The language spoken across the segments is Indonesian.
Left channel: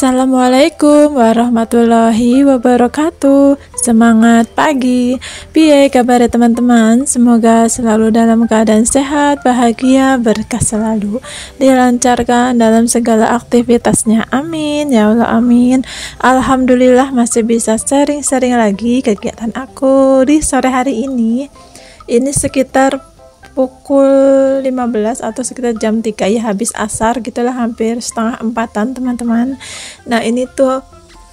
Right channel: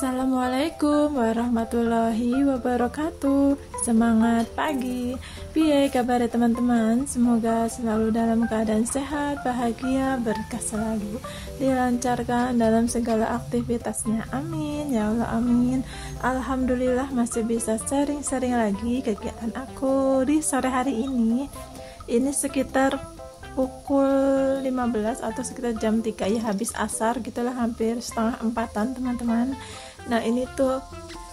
Assalamualaikum warahmatullahi wabarakatuh. Semangat pagi. Piye kabar teman-teman? Semoga selalu dalam keadaan sehat, bahagia, berkah selalu, dilancarkan dalam segala aktivitasnya. Amin ya Allah, amin. Alhamdulillah masih bisa sering-sering lagi kegiatan aku di sore hari ini. Ini sekitar pukul 15 atau sekitar jam 3 ya, habis asar gitulah, hampir setengah 4-an teman-teman. Nah ini tuh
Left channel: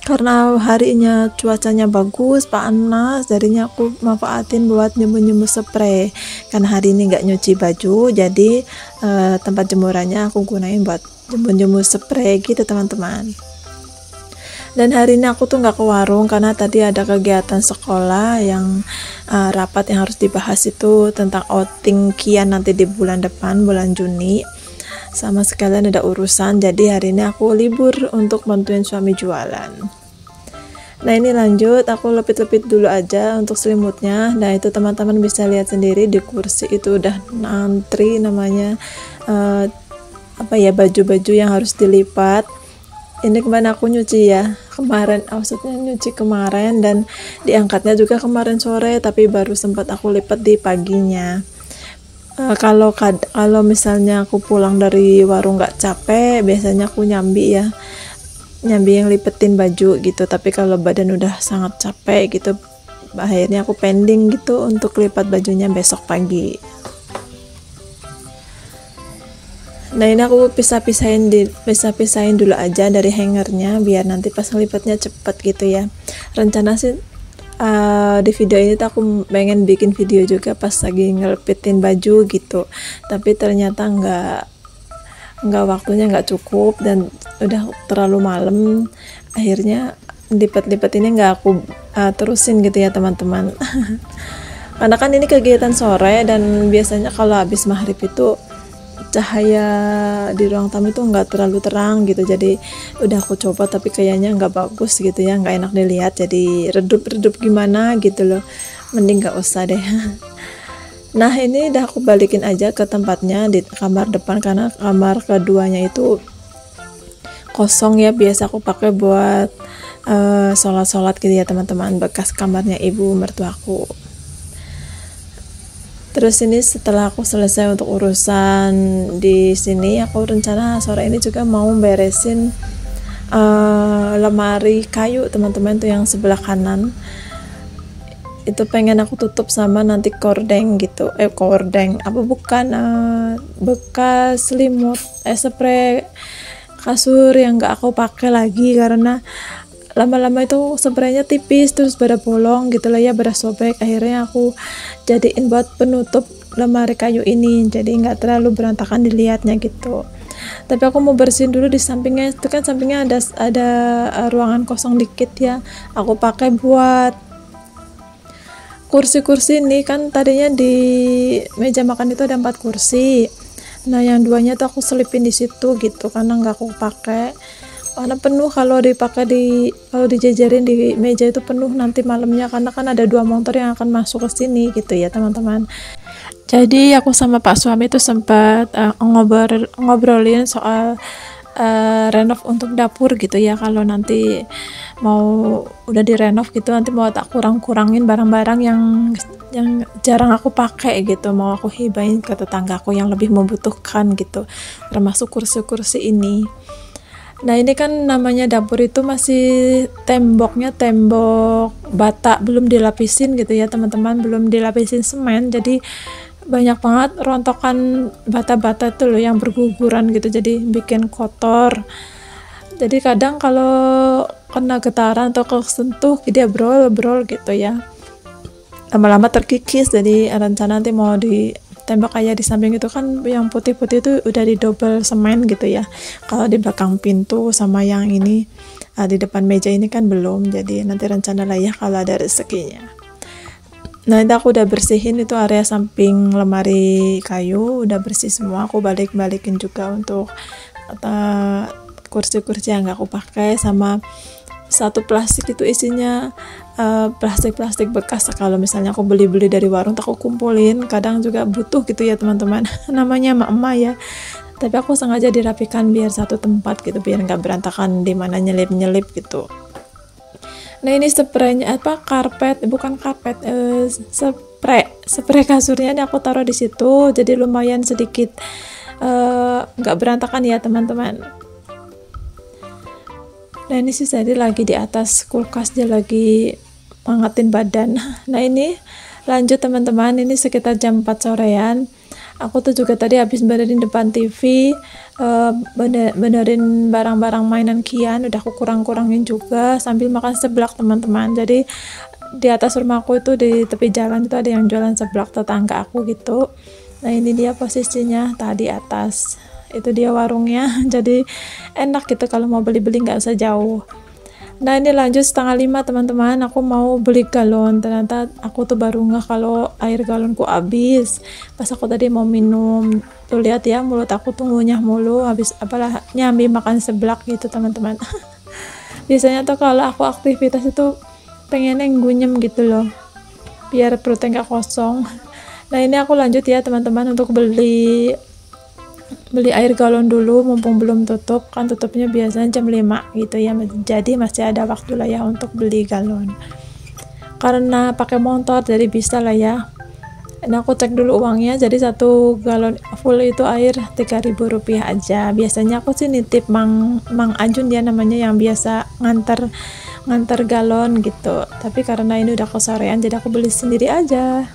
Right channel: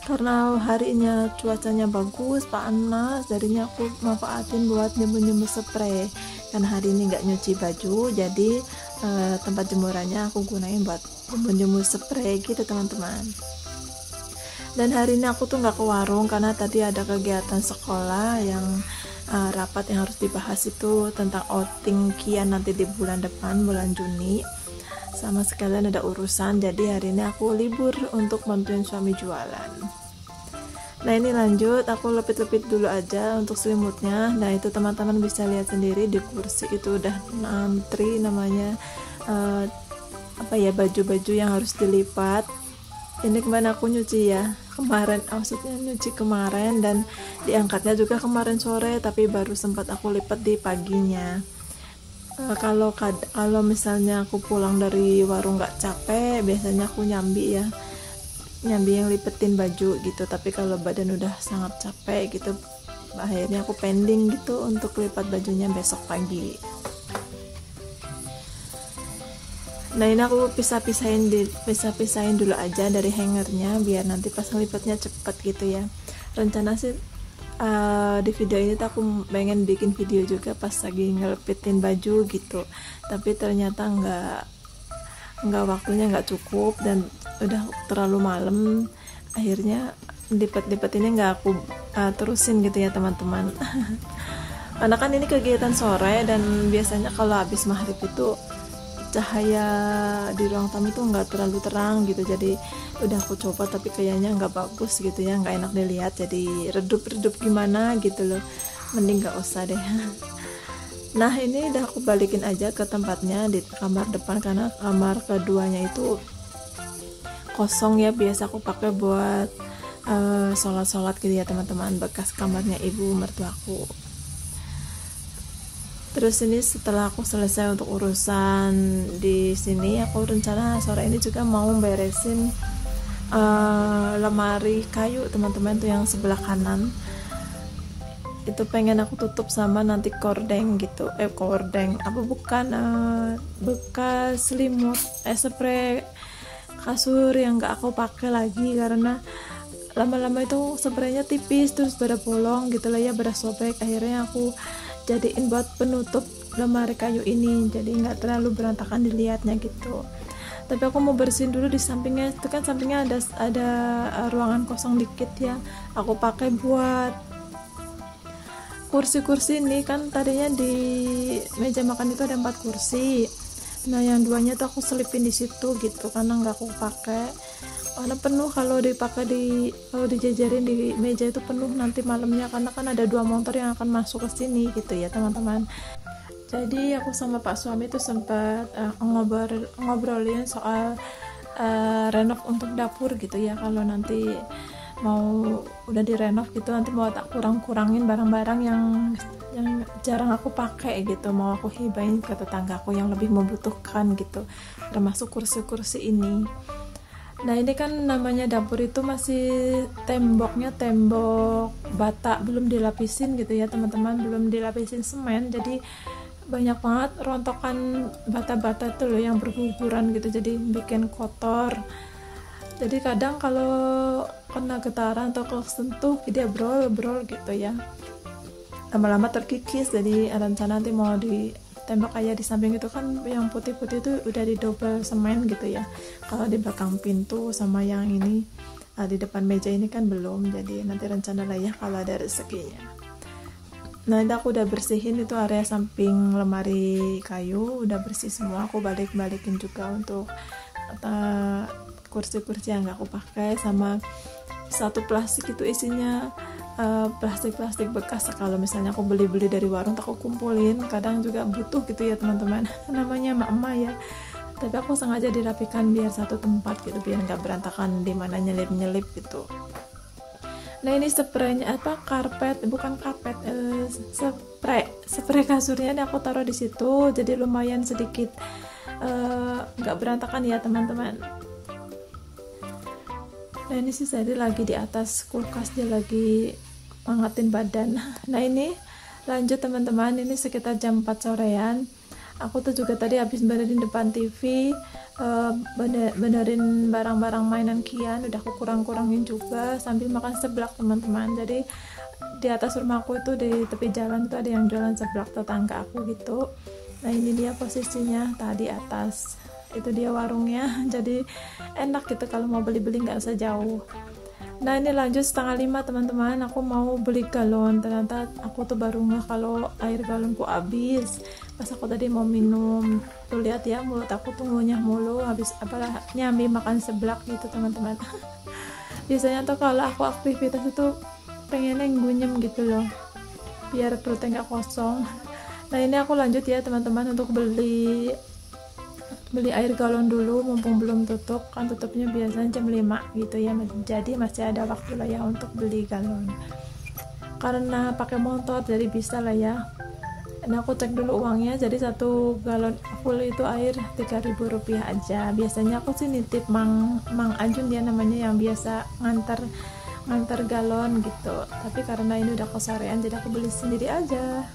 karena harinya cuacanya bagus, panas, jadinya aku manfaatin buat nyembuh-nyembuh spray. Karena hari ini nggak nyuci baju, jadi tempat jemurannya aku gunain buat nyembuh-nyembuh spray gitu teman-teman. Dan hari ini aku tuh nggak ke warung karena tadi ada kegiatan sekolah yang rapat yang harus dibahas itu tentang outing Kian nanti di bulan depan, bulan Juni. Sama sekalian ada urusan, jadi hari ini aku libur untuk bantuin suami jualan. Nah ini lanjut, aku lepit-lepit dulu aja untuk selimutnya. Nah itu teman-teman bisa lihat sendiri di kursi itu udah antri namanya baju-baju yang harus dilipat. Ini kemarin aku nyuci ya, maksudnya nyuci kemarin dan diangkatnya juga kemarin sore, tapi baru sempat aku lipat di paginya. Kalau misalnya aku pulang dari warung nggak capek, biasanya aku nyambi yang lipetin baju gitu. Tapi kalau badan udah sangat capek gitu, akhirnya aku pending gitu untuk lipat bajunya besok pagi. Nah ini aku pisah-pisahin dulu aja dari hangernya biar nanti pas ngelipatnya cepet gitu ya. Rencana sih di video ini tuh aku pengen bikin video juga pas lagi ngelipitin baju gitu, tapi ternyata nggak waktunya nggak cukup dan udah terlalu malam, akhirnya lipet-lipet ini nggak aku terusin gitu ya teman-teman. Karena kan ini kegiatan sore dan biasanya kalau habis maghrib itu cahaya di ruang tamu itu nggak terlalu terang gitu, jadi udah aku coba tapi kayaknya nggak bagus gitu ya, nggak enak dilihat, jadi redup-redup gimana gitu loh, mending nggak usah deh. Nah ini udah aku balikin aja ke tempatnya di kamar depan karena kamar keduanya itu kosong ya, biasa aku pakai buat sholat-sholat gitu ya teman-teman, bekas kamarnya ibu mertuaku. Terus ini setelah aku selesai untuk urusan di sini, aku rencana sore ini juga mau beresin lemari kayu teman-teman tuh yang sebelah kanan. Itu pengen aku tutup sama nanti kordeng gitu. Bekas selimut, spray kasur yang gak aku pakai lagi karena lama-lama itu spraynya tipis terus pada bolong gitu lah ya, pada sobek. Akhirnya aku jadiin buat penutup lemari kayu ini, jadi nggak terlalu berantakan dilihatnya gitu. Tapi aku mau bersihin dulu di sampingnya, itu kan sampingnya ada ruangan kosong dikit ya, aku pakai buat kursi-kursi ini. Kan tadinya di meja makan itu ada 4 kursi, nah yang 2-nya tuh aku selipin di situ gitu karena nggak aku pakai, karena penuh kalau dijajarin di meja itu penuh nanti malamnya, karena kan ada 2 motor yang akan masuk ke sini gitu ya teman-teman. Jadi aku sama Pak suami itu sempat ngobrolin soal renov untuk dapur gitu ya, kalau nanti mau udah direnov gitu nanti mau tak kurang-kurangin barang-barang yang jarang aku pakai gitu, mau aku hibahin ke tetanggaku yang lebih membutuhkan gitu, termasuk kursi-kursi ini. Nah ini kan namanya dapur itu masih temboknya tembok bata, belum dilapisin gitu ya teman-teman, belum dilapisin semen, jadi banyak banget rontokan bata-bata itu loh yang berguguran gitu, jadi bikin kotor. Jadi kadang kalau kena getaran atau kesentuh dia brol gitu ya, lama-lama terkikis. Jadi rencana nanti mau di tembok kayak di samping itu kan yang putih-putih itu udah di double semen gitu ya, kalau di belakang pintu sama yang ini di depan meja ini kan belum, jadi nanti rencana lah ya kalau ada rezekinya. Nah itu aku udah bersihin itu area samping lemari kayu, udah bersih semua, aku balikin juga untuk kursi-kursi yang gak aku pakai, sama satu plastik itu isinya plastik bekas. Kalau misalnya aku beli dari warung aku kumpulin, kadang juga butuh gitu ya teman-teman. Namanya emak-emak ya, tapi aku sengaja dirapikan biar satu tempat gitu, biar nggak berantakan di mana nyelip-nyelip gitu. Nah ini spraynya bukan karpet, spray kasurnya ini aku taruh di situ, jadi lumayan sedikit nggak berantakan ya teman-teman. Nah ini sih tadi lagi di atas kulkas, dia lagi menghangatin badan. Nah ini lanjut teman-teman, ini sekitar jam 4 sorean. Aku tuh juga tadi habis benerin depan TV, benerin barang-barang mainan Kian, udah aku kurang-kurangin juga sambil makan seblak teman-teman. Jadi di atas rumahku itu di tepi jalan itu ada yang jualan seblak, tetangga aku gitu. Nah ini dia posisinya tadi atas, itu dia warungnya. Jadi enak gitu kalau mau beli-beli nggak usah jauh. Nah ini lanjut setengah 5 teman-teman, aku mau beli galon. Ternyata aku tuh baru ngeh kalau air galonku habis pas aku tadi mau minum. Tuh lihat ya, mulut aku tuh ngunyah mulu habis apalah nyambi makan seblak gitu teman-teman. Biasanya tuh kalau aku aktivitas itu pengennya ngunyem gitu loh, biar perutnya nggak kosong. Nah ini aku lanjut ya teman-teman untuk beli air galon dulu, mumpung belum tutup, kan tutupnya biasanya jam 5 gitu ya, jadi masih ada waktu lah ya untuk beli galon. Karena pakai motor jadi bisa lah ya. Nah aku cek dulu uangnya, jadi 1 galon full itu air Rp3.000 aja. Biasanya aku sih nitip Mang Ajun dia namanya, yang biasa nganter galon gitu, tapi karena ini udah kesorean jadi aku beli sendiri aja.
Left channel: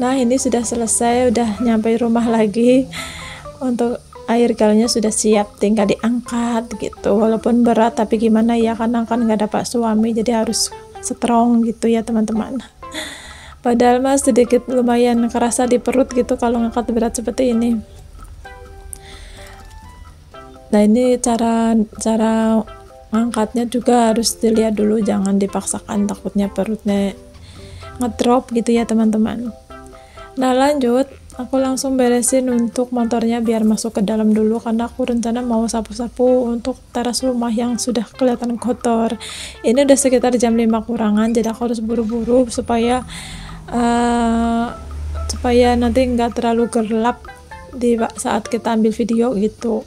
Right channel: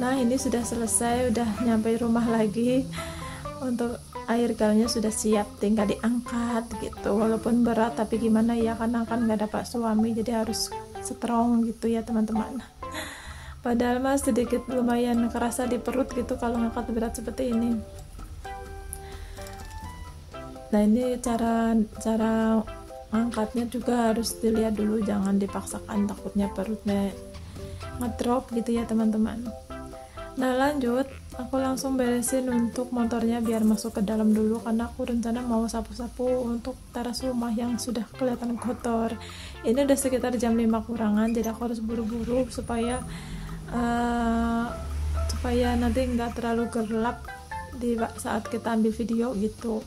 Nah ini sudah selesai, udah nyampe rumah lagi. Untuk air galonnya sudah siap, tinggal diangkat gitu. Walaupun berat tapi gimana ya, karena kan nggak dapat suami jadi harus strong gitu ya teman-teman. Padahal mas sedikit lumayan kerasa di perut gitu kalau ngangkat berat seperti ini. Nah ini cara ngangkatnya juga harus dilihat dulu, jangan dipaksakan, takutnya perutnya ngedrop gitu ya teman-teman. Nah lanjut, aku langsung beresin untuk motornya biar masuk ke dalam dulu, karena aku rencana mau sapu-sapu untuk teras rumah yang sudah kelihatan kotor. Ini udah sekitar jam 5 kurangan, jadi aku harus buru-buru supaya nanti nggak terlalu gelap di saat kita ambil video gitu.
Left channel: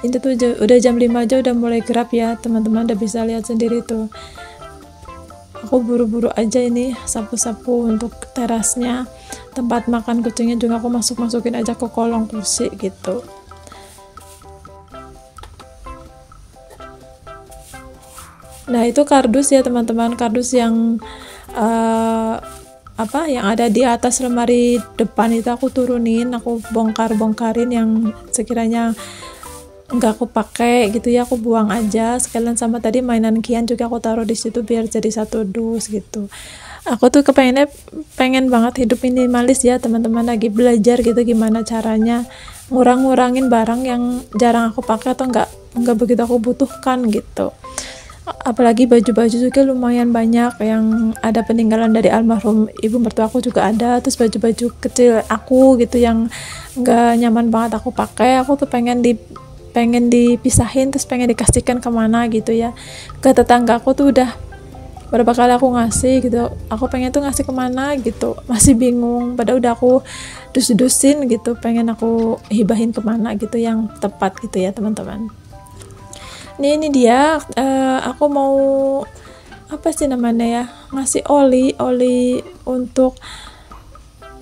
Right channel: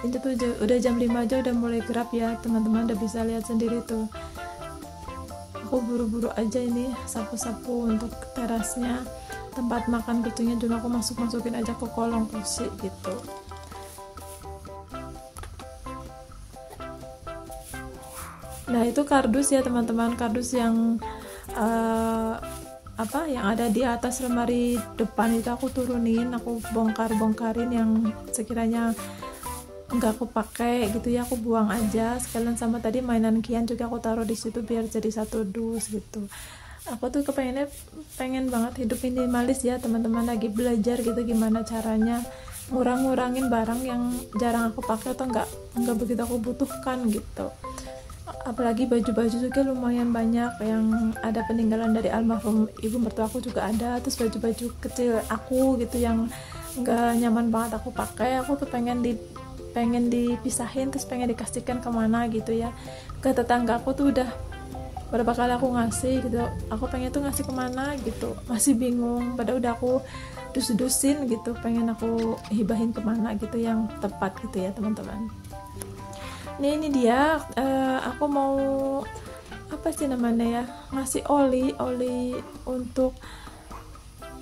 Ini tuh udah jam 5 aja udah mulai gelap ya teman-teman, udah bisa lihat sendiri tuh. Aku buru-buru aja ini sapu-sapu untuk terasnya. Tempat makan kucingnya juga aku masukin aja ke kolong kursi gitu. Nah itu kardus ya teman-teman, kardus yang yang ada di atas lemari depan itu aku turunin, aku bongkarin yang sekiranya nggak aku pakai gitu ya, aku buang aja sekalian. Sama tadi mainan Kian juga aku taruh di situ biar jadi satu dus gitu. Aku tuh pengen banget hidup minimalis ya teman-teman, lagi belajar gitu gimana caranya ngurangin barang yang jarang aku pakai atau nggak begitu aku butuhkan gitu. Apalagi baju-baju juga lumayan banyak yang ada peninggalan dari almarhum ibu mertua aku juga ada, terus baju-baju kecil aku gitu yang nggak nyaman banget aku pakai, aku tuh pengen dipisahin, terus pengen dikasihkan kemana gitu ya. Ke tetangga aku tuh udah berapa kali aku ngasih gitu, aku pengen tuh ngasih kemana gitu, masih bingung, padahal udah aku dus-dusin gitu, pengen aku hibahin kemana gitu yang tepat gitu ya teman-teman. Ini dia, aku mau apa sih namanya ya, ngasih oli untuk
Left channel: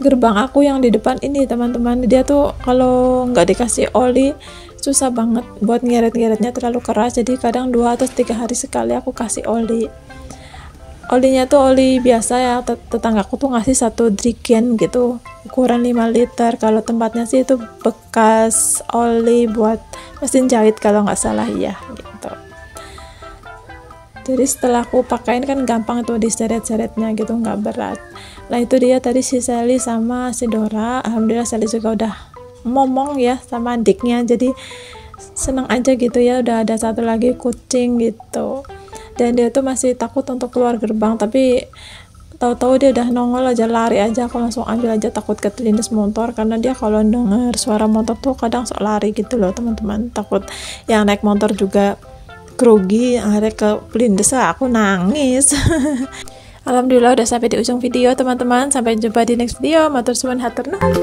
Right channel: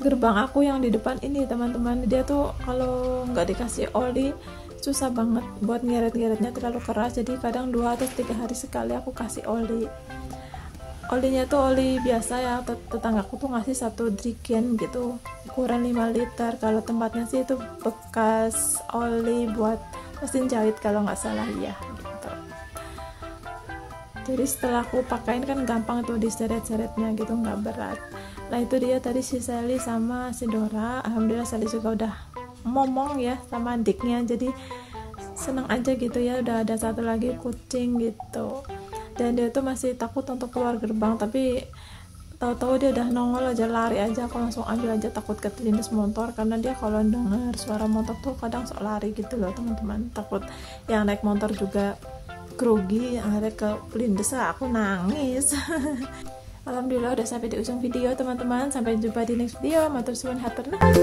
gerbang aku yang di depan ini teman-teman. Dia tuh kalau nggak dikasih oli susah banget buat ngeret-ngeretnya, terlalu keras, jadi kadang 2 atau 3 hari sekali aku kasih oli. Olinya tuh oli biasa ya, tetanggaku tuh ngasih 1 jerigen gitu, ukuran 5 liter. Kalau tempatnya sih itu bekas oli buat mesin jahit kalau nggak salah ya gitu. Jadi setelah aku pakaiin kan gampang tuh diseret-seretnya gitu, nggak berat. Nah itu dia tadi si Sally sama si Dora. Alhamdulillah Sally juga udah ngomong ya sama adiknya, jadi seneng aja gitu ya, udah ada 1 lagi kucing gitu. Dan dia tuh masih takut untuk keluar gerbang, tapi tahu-tahu dia udah nongol aja, lari aja, aku langsung ambil aja, takut kelindes motor, karena dia kalau denger suara motor tuh kadang sok lari gitu loh teman-teman, takut yang naik motor juga grogi, akhirnya kelindes, aku nangis. Alhamdulillah udah sampai di ujung video teman-teman, sampai jumpa di next video, matur suwun hatur nuhun.